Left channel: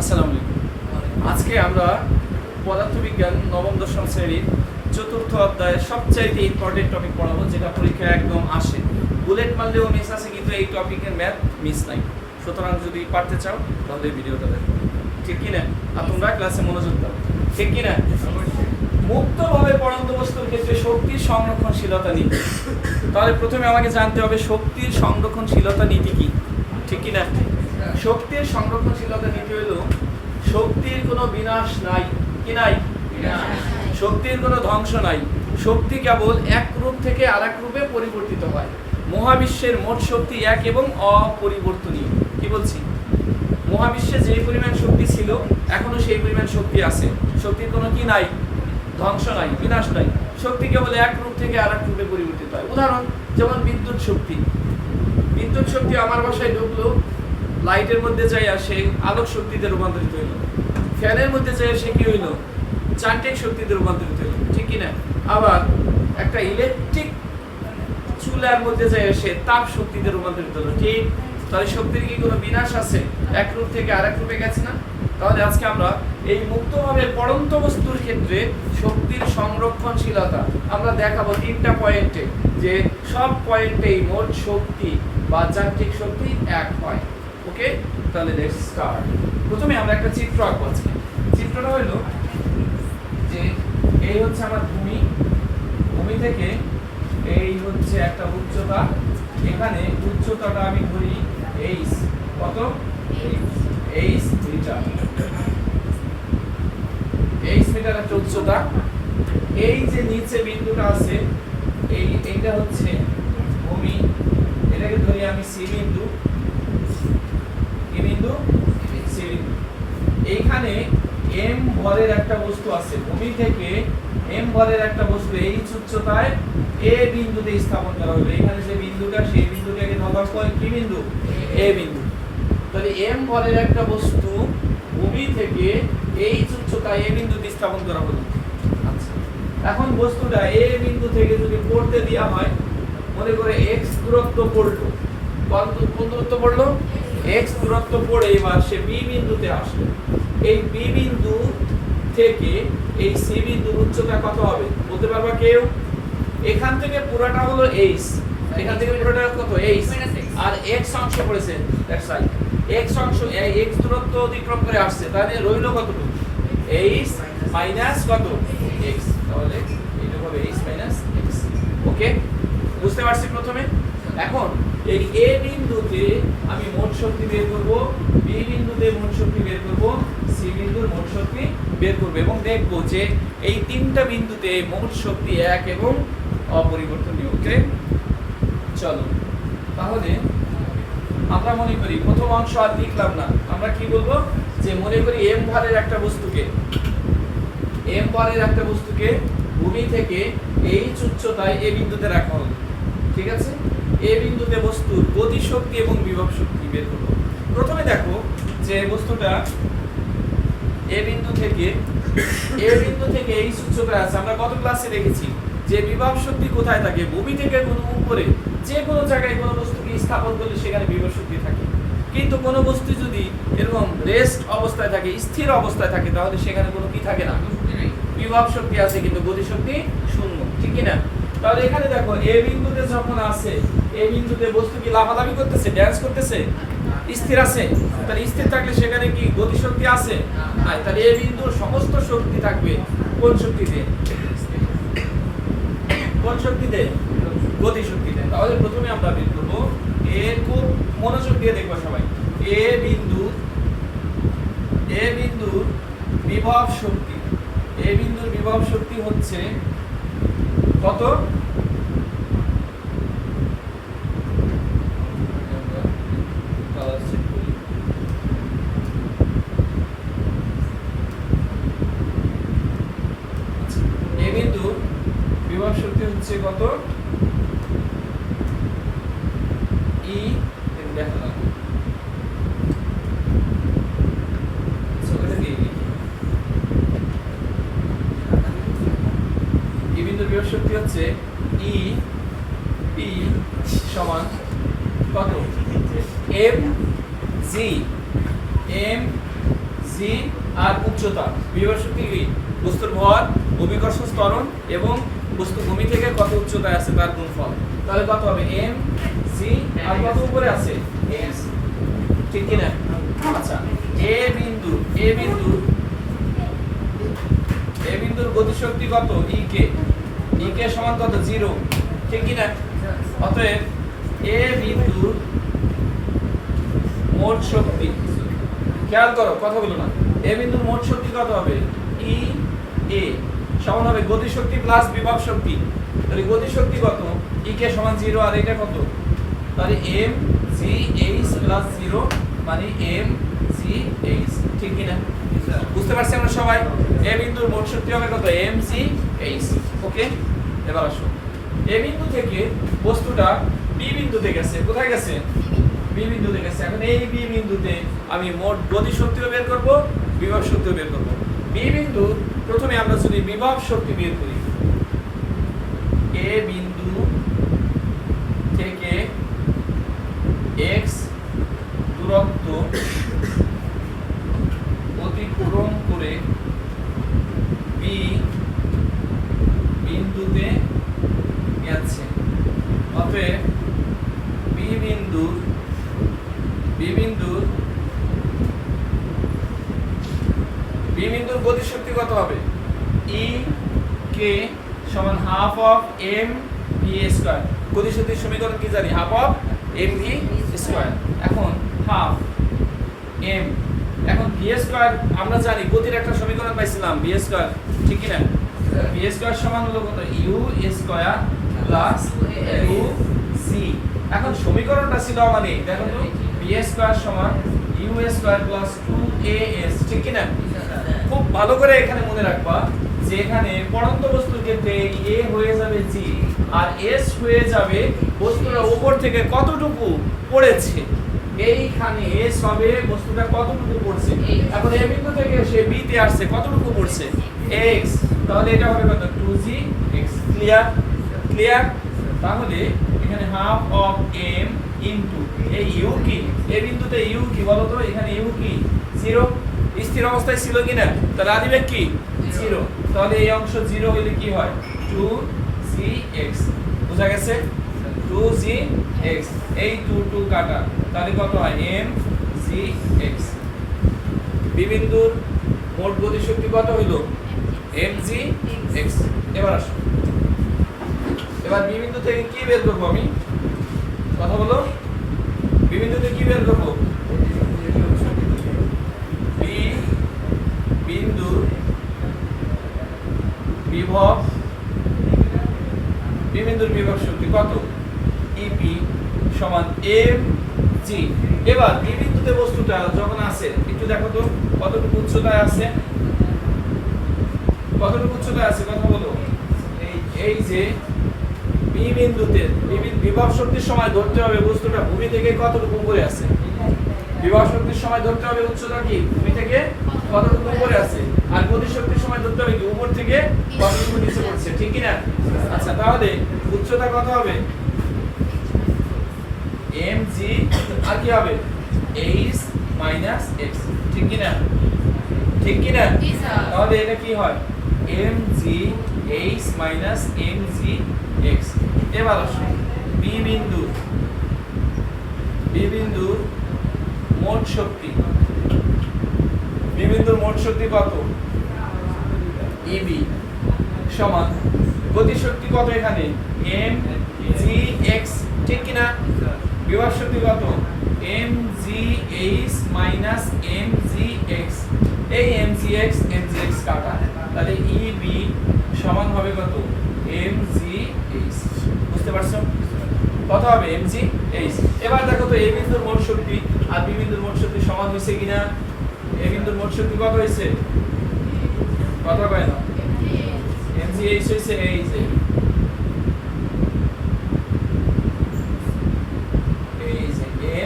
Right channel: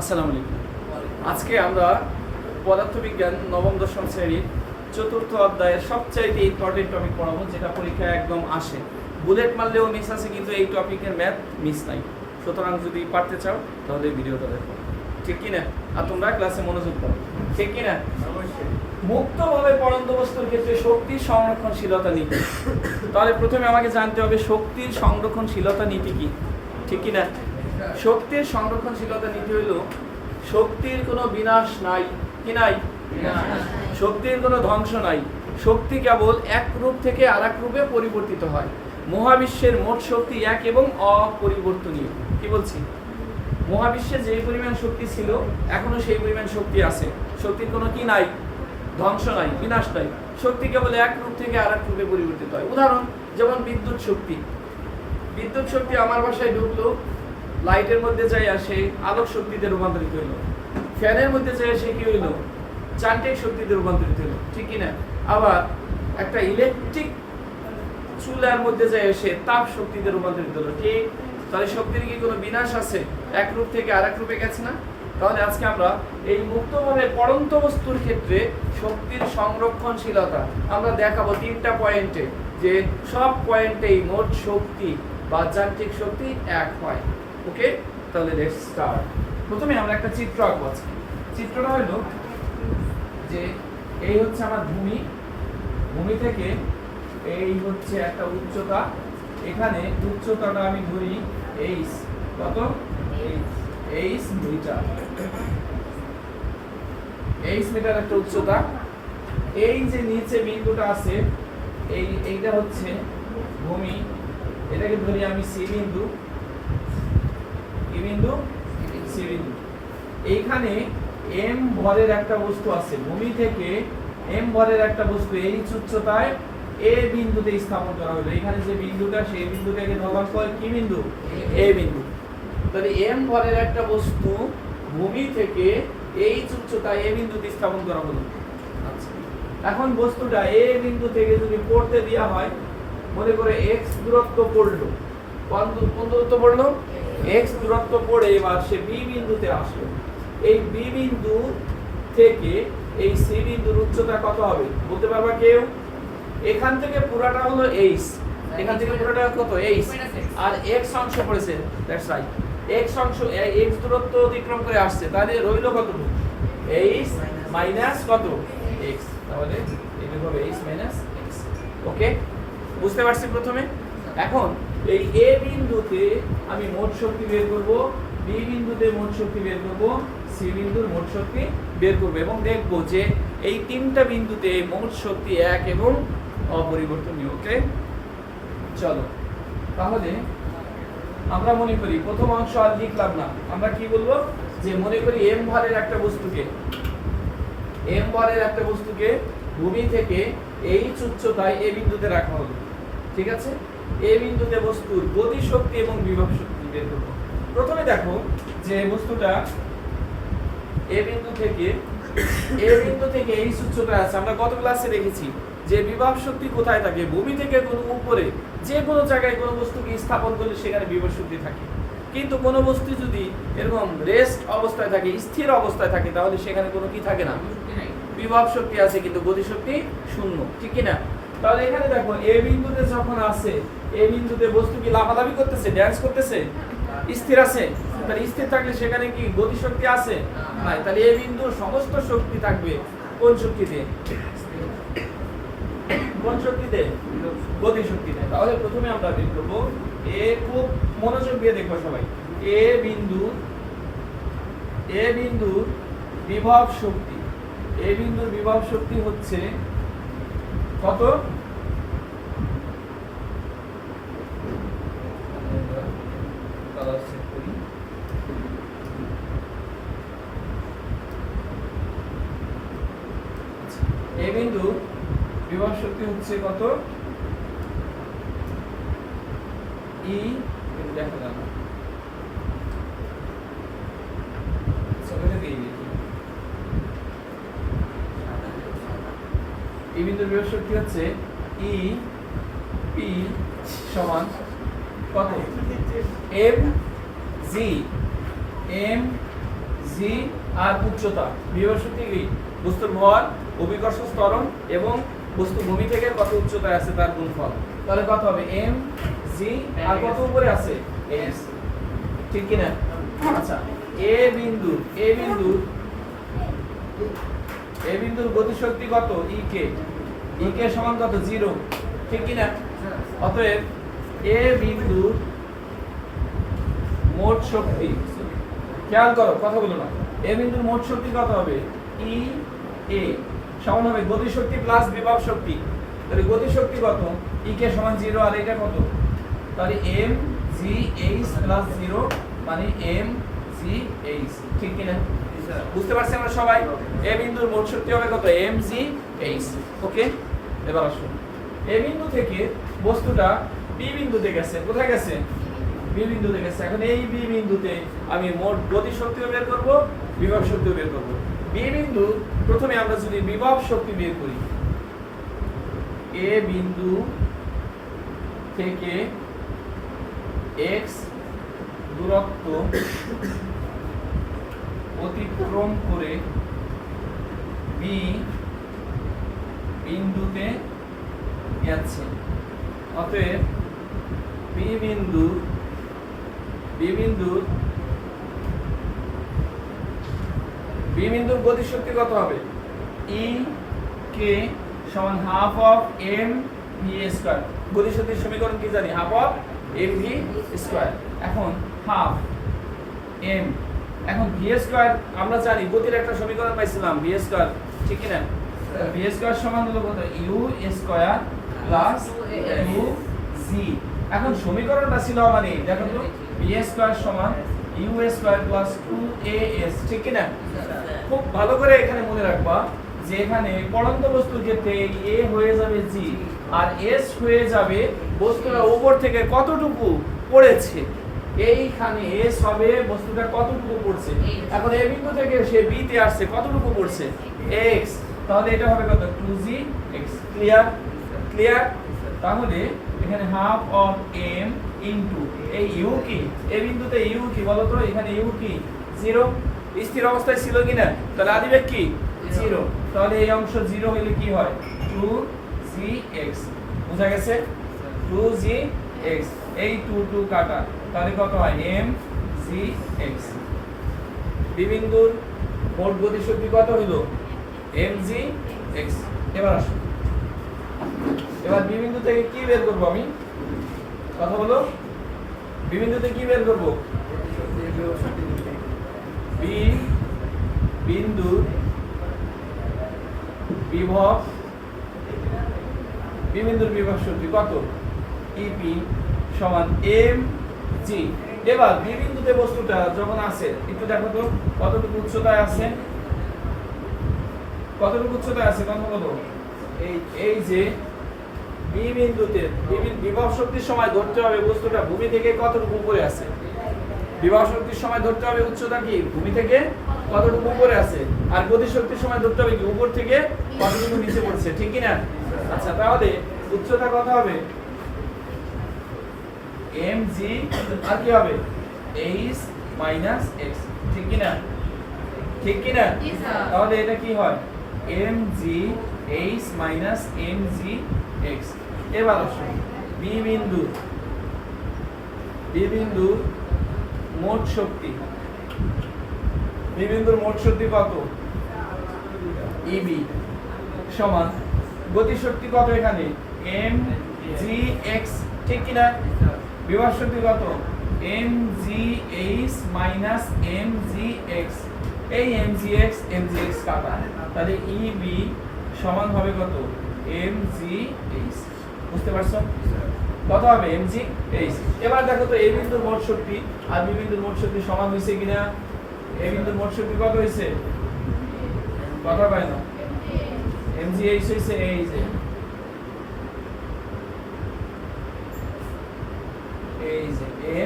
আসসালামু আলাইকুম। আজকে আমরা পদার্থবিজ্ঞান নবম দশম শ্রেণীর চতুর্থ অধ্যায়ের সবচাইতে ইম্পর্টেন্ট টপিক পড়াবো, যেটা পরীক্ষায় একদম আসে। বুলেট মারলেও মিস আছে, কিন্তু এই টপিকের ম্যাথ মিস নাই। সুতরাং যদি পারতে চাও তাহলে ভিডিওটা দেখো, ঠিক কিনা? আর তোমরা ক্লাসে মনোযোগ দাও, ঠিক কিনা? মুক্তভাবে পড়ন্ত বস্তুর ক্ষেত্রে শক্তির সংরক্ষণশীলতা নীতি। তাহলে প্রথমে আমাকে জানতে হবে শক্তির সংরক্ষণশীলতা নীতি কি, ঠিক কিনা? শক্তির সংরক্ষণশীলতা নীতি হইল শক্তির কোনো বিনাশ নাই, কি নাই? শক্তির কোনো ধ্বংস নাই। শক্তি কেবল এক রূপ থেকে আরেক রূপে পরিবর্তিত হয়। মহাবিশ্বের মোট শক্তি এক এবং অপরিবর্তনীয়। কি বলছি? মহাবিশ্বে যেই পরিমাণ শক্তি ছিল এখনো সেই পরিমাণ শক্তি আছে। শক্তির কোনো কি নাই? ধ্বংস নাই, বিনাশ নাই। শক্তি কেবল এক রূপ থেকে আরেক রূপে পরিবর্তিত হয়। উদাহরণ যেমন বিদ্যুৎ শক্তি। বিদ্যুৎ শক্তি আমার বাসায় ঢুকলো, লাইটের মধ্যে যাই আসে আলোক শক্তিতে রূপান্তরিত হইল। ফ্যানের মধ্যে যাই আসে কি হইল? যান্ত্রিক শক্তিতে রূপান্তরিত হইল, ঠিক কিনা? আবার একটা ইলেকট্রিক চুলার মধ্যে যাই আসে তাপ শক্তিতে রূপান্তরিত হলো, ঠিক? তাহলে শক্তির কি কোনো বিনাশ আছে? এক রূপ থেকে আরেক রূপে গেছে না? তাহলে আজকে আমরা এই মুক্তভাবে পড়ন্ত বস্তুর ক্ষেত্রে শক্তির সংরক্ষণশীলতা আমরা দেখাবো তিনটা পয়েন্টে, যে সব পয়েন্টেই মোট শক্তি বা যান্ত্রিক শক্তি এক হয়। ওকে, তাহলে লেটস স্টার্ট। প্রথমে আমরা একটা চিত্র আঁকবো আজকে। চিত্রটা হলো যে এই হচ্ছে আমার ভূমি, ভূমি থেকে এই হচ্ছে একটা উচ্চতা। এখানে উচ্চতাটা আমি ধরি এইচ, কত? H metre. এইচ মিটার একটা উচ্চতা। এই যে নিচে বিন্দুটা আছে এইটা হচ্ছে ভূমি, এটাকে ধরি আমি সি বিন্দু। এইখানে এম ভরের একটা বস্তু আছে, ভূমি থেকে এম ভরের একটা বস্তু এই উচ্চতায় এ বিন্দুতে স্থাপন করা হলো। এখানে যে বিন্দুটা, সেই বিন্দুটাকে ধরা হয় কি বিন্দু? এ বিন্দু। তাহলে এম ভরের একটা বস্তু ভূমি থেকে এই উচ্চতায় এ বিন্দুতে স্থাপন করা হলো। আচ্ছা, এখন বস্তুটা এ বিন্দু থেকে যদি পড়তে দেওয়া হয়, মনে করে এক্স দূরত্ব পড়লো। কোন দূরত্ব পড়লো? এক্স দূরত্ব পড়ে এবার সে বি বিন্দুতে আসলো। এই বি বিন্দু থেকে এই সি বিন্দুর উচ্চতা কত হবে বলতে পারবা কেউ? এখান থেকে পুরোটা হলো এইচ, এখান থেকে পুরোটা কত? এইচ। আর এক্স অংশ পড়েছে, দ্যাটস রাইট। এক্স অংশ এক্স দূরত্ব অতিক্রম করে আসছে, তাহলে রইল কত? এইচ মাইনাস কত? এক্স। তাহলে এটা হবে এইচ মাইনাস এক্স। ওকে, বুঝতে পারছি প্রথমে? এখন এই এ বিন্দুতে আমি মোট শক্তি বের করব, বি বিন্দুতে মোট শক্তি বের করব, সি বিন্দুর মোট শক্তি বের করব, এবং দেখব যে এই তিনটা বিন্দুতে মোট শক্তি এক এবং অপরিবর্তনীয়। ওকে, চলো তাহলে আমরা মনে করি প্রথম অংশ আর লিখলাম না, আমরা কি বলবো? যে মনে করি এম ভরের একটা বস্তুকে ভূমি থেকে এই উচ্চতায় এ বিন্দুতে রাখা হলো, ঠিক আছে? এ বিন্দুতে বস্তুর গতি শক্তি এবং বিভব শক্তি বের করব। প্রথমে দেখো যে বস্তুটা এ বিন্দু থেকে এই উচ্চতায় আছে। আমরা গত ক্লাসে দেখেছি যে বিভব শক্তি কোথায় থাকে? ভূমি থেকে উপরে যে কোনো জায়গায় কোনো বস্তুকে স্থাপন করলে সেখানে বিভব শক্তি থাকে। কিন্তু কোনো বস্তু যদি এরকম রেস্ট অবস্থায় থাকে, স্থির অবস্থায় থাকে, তাহলে সেখানে কোনো কি থাকে না? বিভব শক্তি আছে, কিন্তু গতি শক্তি শূন্য, ঠিক কি না? তাহলে এখানে দেখো এ বিন্দুতে যখন আছে, এ বিন্দুতে বস্তু কি লাফালাফি করতেছে, ড্যান্স করতেছে, স্থির আছে? তাহলে স্থির থাকলে সেখানে কি গতি শক্তি আছে? নাই। তাহলে এ বিন্দুর সমস্ত শক্তি থাকবে কোন শক্তিতে? কোন শক্তিতে? গতি শক্তিতে। তাহলে প্রথমে আমরা বের করব এ, খুব মনোযোগ দিয়ে দেখবো সবাই। এ বিন্দুর বিভব শক্তি, এ বিন্দুর বিভব শক্তি হচ্ছে কত? এ বিন্দুর বিভব শক্তি হচ্ছে কত? ই, দেখো না ই বিন্দুর বিভব শক্তি হচ্ছে ই পি সমান কত? এম জি জি আর উচ্চতা। বিভব শক্তি কি? বস্তুর ভর, অভিকর্ষ ত্বরণ এবং বস্তু ভূমি থেকে কত উচ্চতায় আছে তার গুণফল। তাহলে কত হবে? এম জি আর কত উপরে আছে? এস, ঠিক কি না? আচ্ছা, এ বিন্দুর গতিশক্তি কত? ই কে সমান কত? 0, ঠিক কি না? অতএব এ বিন্দুর মোট শক্তি, খেয়াল করো কথা বলো না, এ বিন্দুর মোট শক্তি কত হবে? ই এ সমান হবে গতিশক্তি প্লাস বিভব শক্তি। তাহলে গতিশক্তি কত? ই কে সমান 0 আর এটা কত? তাহলে এম জি এইচ প্লাস 0 মানে এম জি এইচ, ঠিক কি না? বুঝতে পারছি আমরা সবাই? এ বিন্দুর মোট শক্তি হবে কত? M G H. ওকে, এবার আসো, এ বিন্দু থেকে বস্তুটা বি বিন্দুতে গেছে। কোথায় গেছে? বি বিন্দুতে গেছে। এখন এই বি বিন্দুতে আমি মোট গতি শক্তিও বের করব, বিভব শক্তিও বের করব। বি বিন্দু প্রথমে আমরা যদি বিভব শক্তি বের করি, এ বিন্দু থেকে x দূরত্ব অতিক্রম করে বি বিন্দুতে গেছে। অতএব বি বিন্দুর গতিশক্তি কত হবে? ই কে সমান half of M V square. গতিশক্তির সমীকরণ কি জানি? Half of M V square. এখন হাফ এম, এখন ভি স্কয়ার আমরা জানি গতির একটা সমীকরণ পাইছিলাম ভি স্কয়ার, ঠিক কি না? ভি স্কয়ার সমান হলো কত? ইউ স্কয়ার প্লাস ইউ জি। এখন সমীকরণটা ছিল মানে দেখো তো, ভি স্কয়ার সমান ইউ স্কয়ার প্লাস 2as, ঠিক কি না? খুব ভালো করে এখানে মনে রাখবা যে এখানে পড়ন্ত বস্তুর ক্ষেত্রে এ হয়ে যাবে জি আর এস হয়ে যাবে বস্তুটা উপর থেকে কতটুকু পড়েছে। এইখানে এস হবে বস্তুটা কতটুকু পড়ছে। এখন এ বিন্দু থেকে সে বি তে আসছে, কতটুকু পড়ছে? x, তাহলে এটা হবে কত? 2gx। ক্লিয়ার? তাহলে এখানে হাফ অফ m ইনটু এই ইউ কি? এ বিন্দুতে ইউ কি বলো তো? এখানে ইউ কি? 0, স্থির অবস্থায় ছিল কিনা? তাহলে আদিবেগ কি? 0। তাহলে এই অংশ 0 হইলে কি হয়? 2gx। বুঝা গেছে? 2gx, এই 2 কাটা, তাহলে কত হয়? mgx। বি বিন্দুর মোট গতিশক্তি কত হইল? mgx। এবার আসো, এবার বি বিন্দু থেকে কি বের করব আমি? কথা বলো, বি বিন্দুতে কি বের করব? বি বিন্দুর বিভব শক্তি কত? ইপি সমান এম জি। এবার বি বিন্দুতে বস্তুটা যখন আছে, একটু দেখো তো কতটুকু উচ্চতায় আছে, কতটুকু উচ্চতায় আছে কথা বলো। এই যে বি বিন্দুতে বিভব শক্তির সময় ধরতে হবে বস্তুটা ভূমি থেকে কতটুকু উপরে আছে। বিভব শক্তির সময় ধরতে হবে উচ্চতা কি? ভূমি থেকে কতটুকু উপরে আছে। আর গতি শক্তির সময় ধরতে হবে কি? উপর থেকে কতটুকু নিচে পড়ছে, ঠিক কি না? আচ্ছা, তাহলে উচ্চতা কত হবে? mg আর কি হবে? h মাইনাস x, ঠিক কি না? ঠিক কি না? তাহলে এটা কি হয়? mg h minus mg x। এবার আসো, বি বিন্দুর মোট শক্তি, বি বিন্দুর মোট শক্তি কত? ইবি সমান গতি শক্তি কত এখানে? mgx, ঠিক কি না? বিভব শক্তি কত? mgh minus mgx। এই mgx কাটা, তাহলে eb সমান হবে কত? mgh। বুঝতে পারছো? কত হবে? mgh। এবার দেখো তো এই বিন্দুর মোট শক্তি আর বি বিন্দুর মোট শক্তি সমান হইছে কিনা? এই বিন্দুর মোট শক্তি কত হইছে? কথা কয় না? mgh হইছে এই যে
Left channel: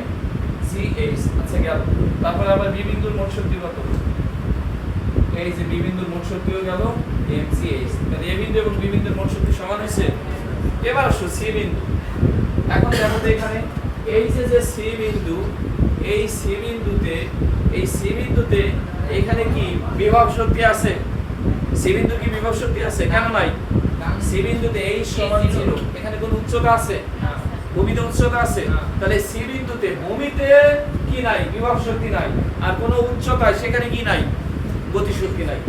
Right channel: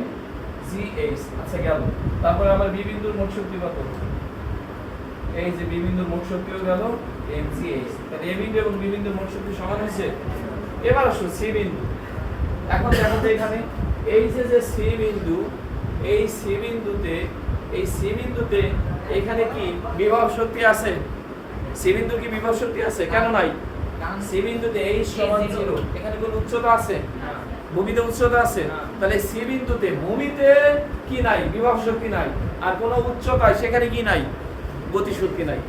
mgh। আচ্ছা গেল। তারপর আবার বি বিন্দুর মোট শক্তি কত? এই যে বি বিন্দুর মোট শক্তিও গেল mgh। তাহলে এ বিন্দু এবং বি বিন্দুর মোট শক্তি সমান হয়েছে। এবার আসো সি বিন্দু। এখন দেখো তো এখানে এই যে সি বিন্দু, এই সি বিন্দুতে এখানে কি বিভব শক্তি আছে? সি বিন্দু কি বিভব শক্তি আছে? কেন নাই? সি বিন্দুতে h সমান 0, এখানে কোন উচ্চতা আছে? ভূমিতে উচ্চতা আছে। তাহলে সি বিন্দুতে ভূমিতে কি নাই? বিভব শক্তি নাই। আর কোন উচ্চতায় সেখানে কি নাই? গতি শক্তি নাই।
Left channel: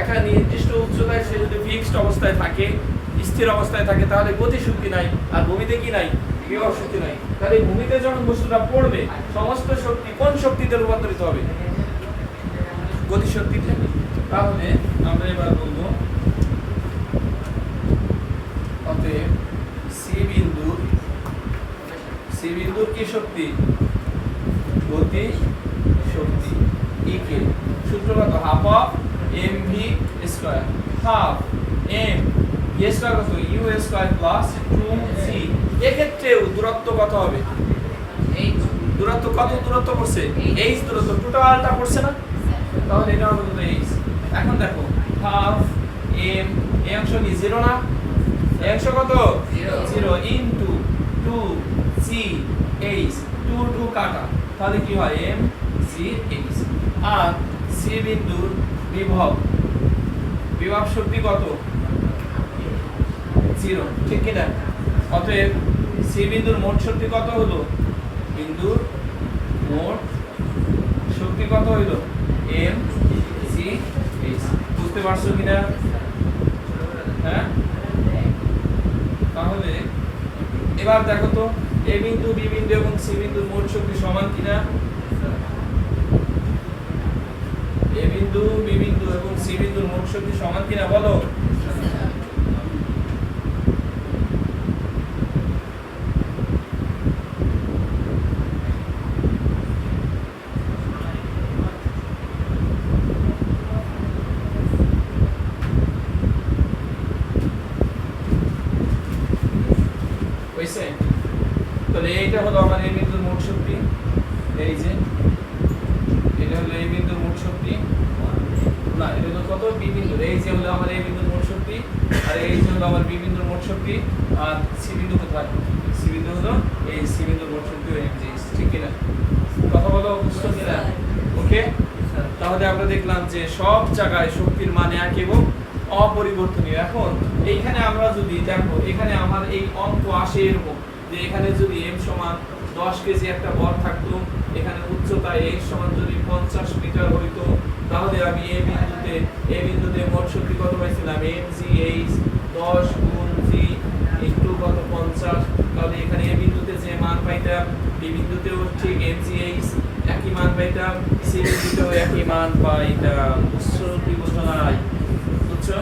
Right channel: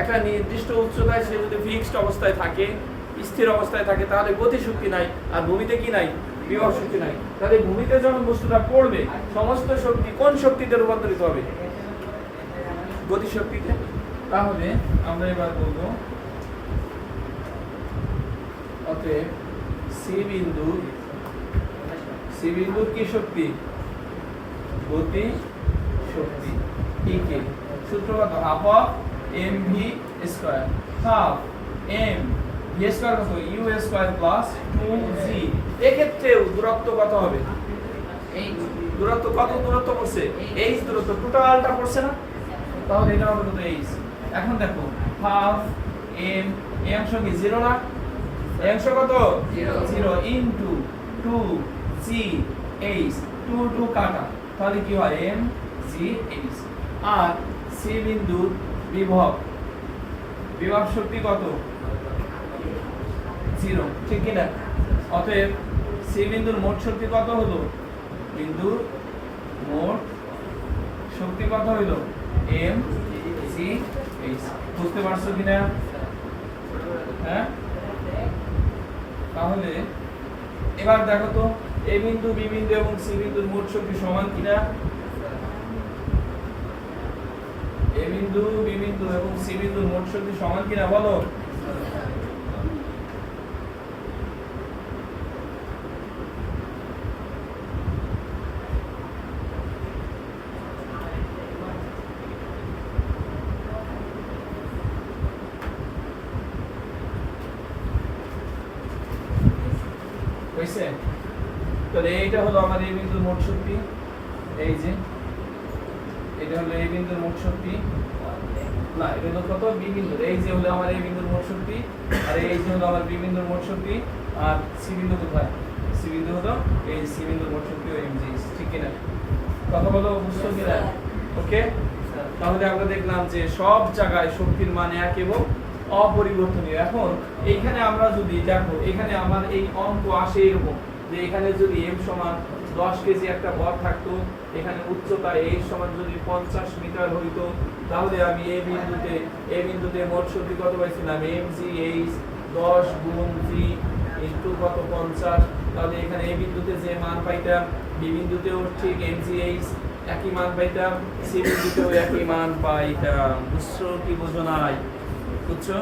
একটা নির্দিষ্ট উচ্চতায় সে যদি ফিক্সড অবস্থায় থাকে, স্থির অবস্থায় থাকে, তাহলে গতি শক্তি নাই। আর ভূমিতে কি নাই? বিভব শক্তি নাই। তাহলে ভূমিতে যখন বস্তুটা পড়বে, সমস্ত শক্তি কোন শক্তিতে রূপান্তরিত হবে? গতি শক্তিতে। তাহলে আমরা এবার বলবো অতএব সি বিন্দুর কি শক্তি? গতি শক্তি ইকে সূত্র কত? Half of M V square, half M V square কত? You square plus 2g। এক্ষেত্রেও দূরত্ব কত হবে? দূরত্ব কত দূরত্ব পড়ছে? h দূরত্ব টোটালটা পড়ছে না? তাহলে এটা হবে কত? h। এখন দেখো হাফ এম, এই অংশ কি 0 না? এই অংশ কত? 0 ইনটু 2g h, 2 কাটা, তাহলে কি হয়? m g h। আর সি বিন্দুর বিভব শক্তি কত? 0, ঠিক কি না? অতএব সি বিন্দুর মোট শক্তি কত হলো? বিন্দুর মোট শক্তি কত হইল? m g h। বুঝতে পারছো কিনা? হ্যাঁ, তাহলে এবার দেখো তো এ বিন্দু, বি বিন্দু এবং সি বিন্দুর মোট শক্তি সমান কিনা? এ বিন্দু, বি বিন্দু এবং সি বিন্দুর মোট শক্তি সমান কিনা বলো? হইছে? তাহলে এইটা হলো আমার এই বিন্দুর মোট শক্তি, এই যে এটা হলো এই বিন্দুর মোট শক্তি, না এটা হলো কত? বি বিন্দুর। এই যে হলো আমার এই বিন্দুর মোট শক্তি, আর এই যে হলো আমার বি বিন্দুর মোট শক্তি। আর সি বিন্দু কোথায়? সি বিন্দু হলো এই সি বিন্দুর মোট শক্তি, এই যে, ঠিক কি না? কথা বলো, বুঝছো কিনা? ওকে, তাহলে আমরা দেখলাম যে সব জায়গায় শক্তির মান এক এবং অপরিবর্তনীয়। এখন এইখানে আমরা যদি দেখো, এখানে আমার এই অঙ্ক আসে এরকম যে এখানে যদি m সমান 10 কেজি একটা ভর থাকতো, এখানে উচ্চতা h সমান যদি 50 মিটার হইতো, তাহলে আমি এই বিন্দুতে মোট শক্তি কত পাইছিলাম? mgh 10 গুণ g ইনটু কত? 50। তাহলে এখানে এই বিন্দুতে যে মান পাইতাম, বি বিন্দুতেও ঠিক mgh একই মান পাইতাম, সি বিন্দুতেও একই মান পাইতাম। বুঝছো কি বুঝো নাই? বুঝছো?